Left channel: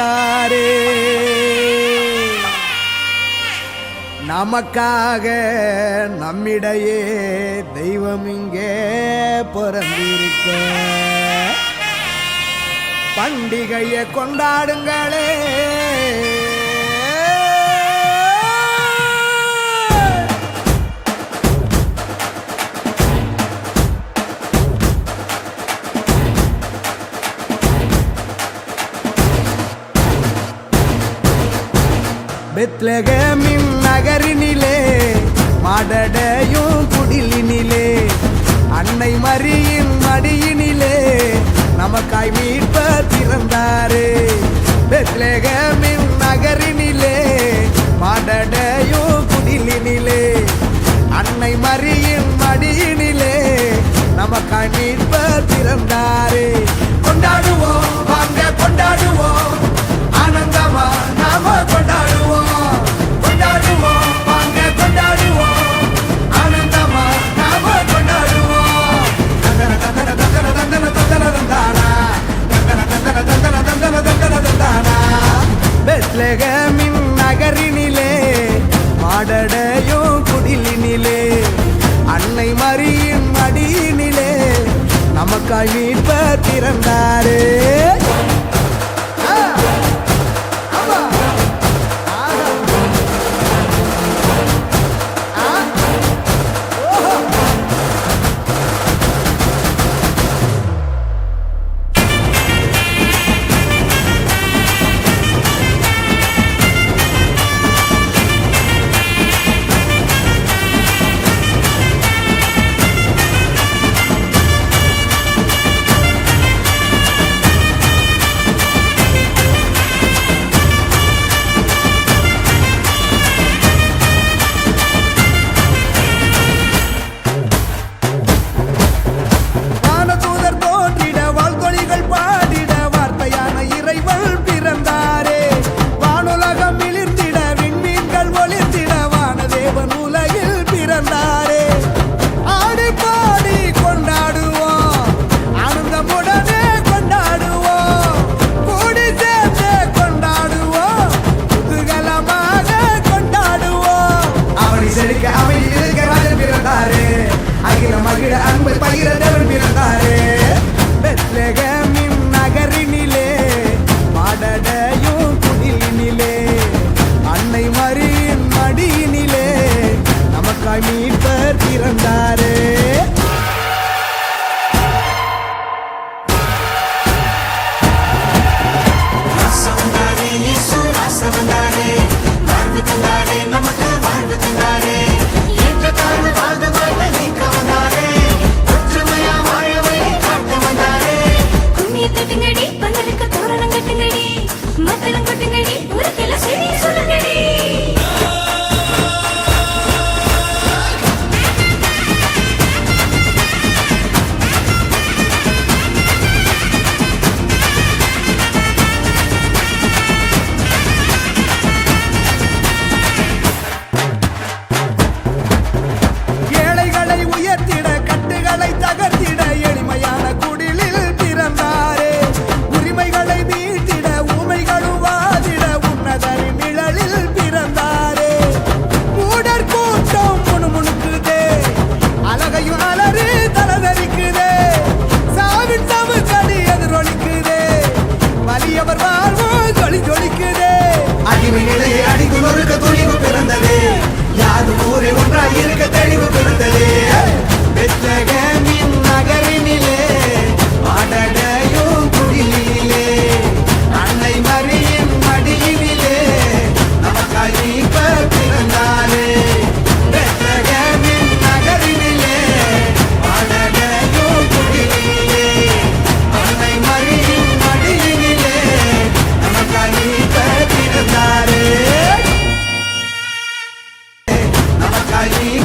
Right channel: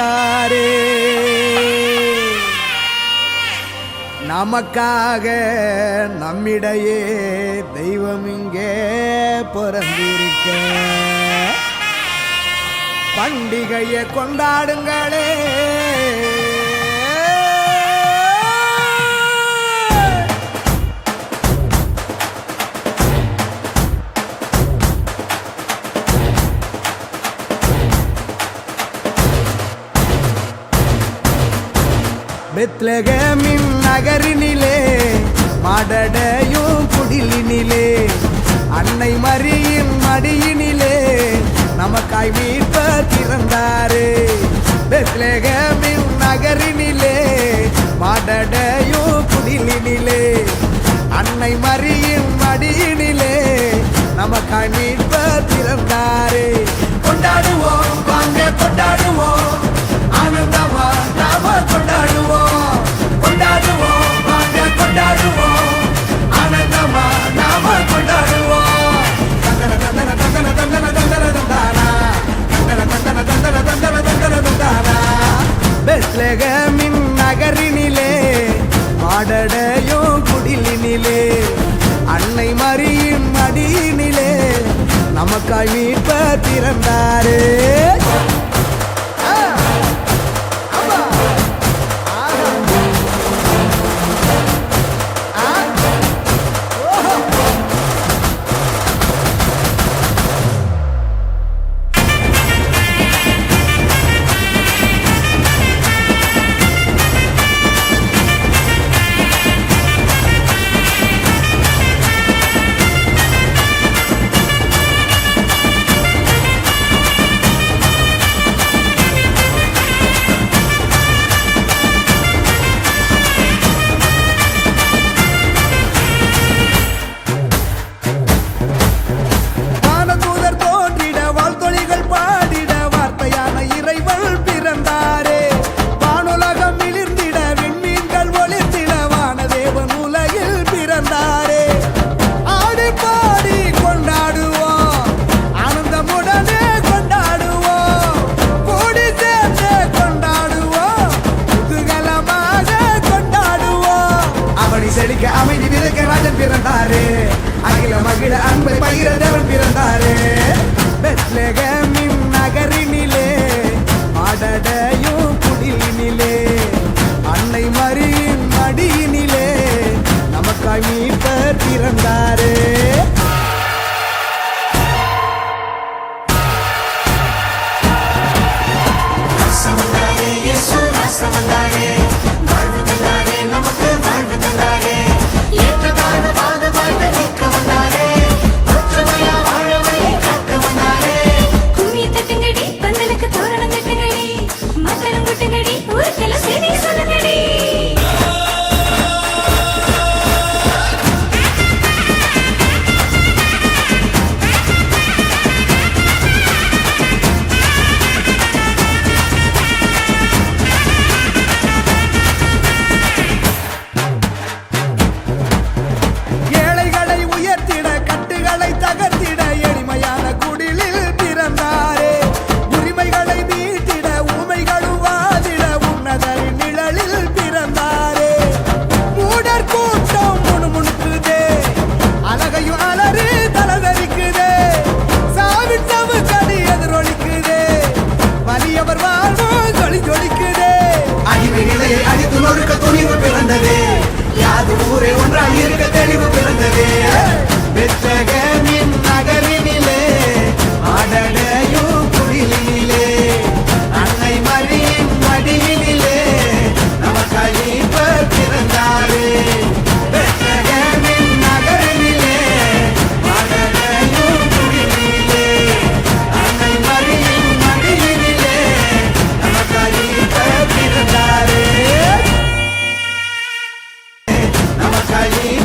வந்தாரே நமக்காக நம்மிடையே தெய்வம் இங்கே பிறந்திருக்க. பண்டிகையை கொண்டாடுங்களே. பெத்லகமின் நகரினிலே மாடடையும் குடிலினிலே அன்னை மரியின் மடியினிலே நமக்காய் மீட்பர் பிறந்தாரே பெத்லகமின் நகரினிலே மாடடையும் குடிலினிலே அன்னை மரியின் மடியினிலே நமக்காய் மீட்பர் பிறந்தாரே கொண்டாடுவோம் வாங்க கொண்டாடுவோம். ஆனந்தமா நாம பெத்லகமின் நகரினிலே மாடடையும் குடிலினிலே அன்னை மறியின் மடியினிலே நமக்காய் மீட்ப திறந்தாரே. செழிக்க அமைதி விதைக்க ராஜன் பிறந்தாரு. அகில மகிழ அன்பை பகிர தேவன் பிறந்தாரு. பெத்லகமின் நகரினிலே மாடடையும் குடிலினிலே அன்னை மரியின் மடியினிலே நமக்காய் மீட்பர் பிறந்தாரே. வாழ்வோ ஜொலி அடிமை நிலையை அடித்து நொறுக்க துணிவு பிறந்ததே. யாது ஊரே ஒன்றாய் இருக்க தெளிவு பிறந்ததே. பெத்லகமின் நகரினிலே அடடையும் குடிலினிலே பிறந்தாரே நமக்காய் மீட்பர்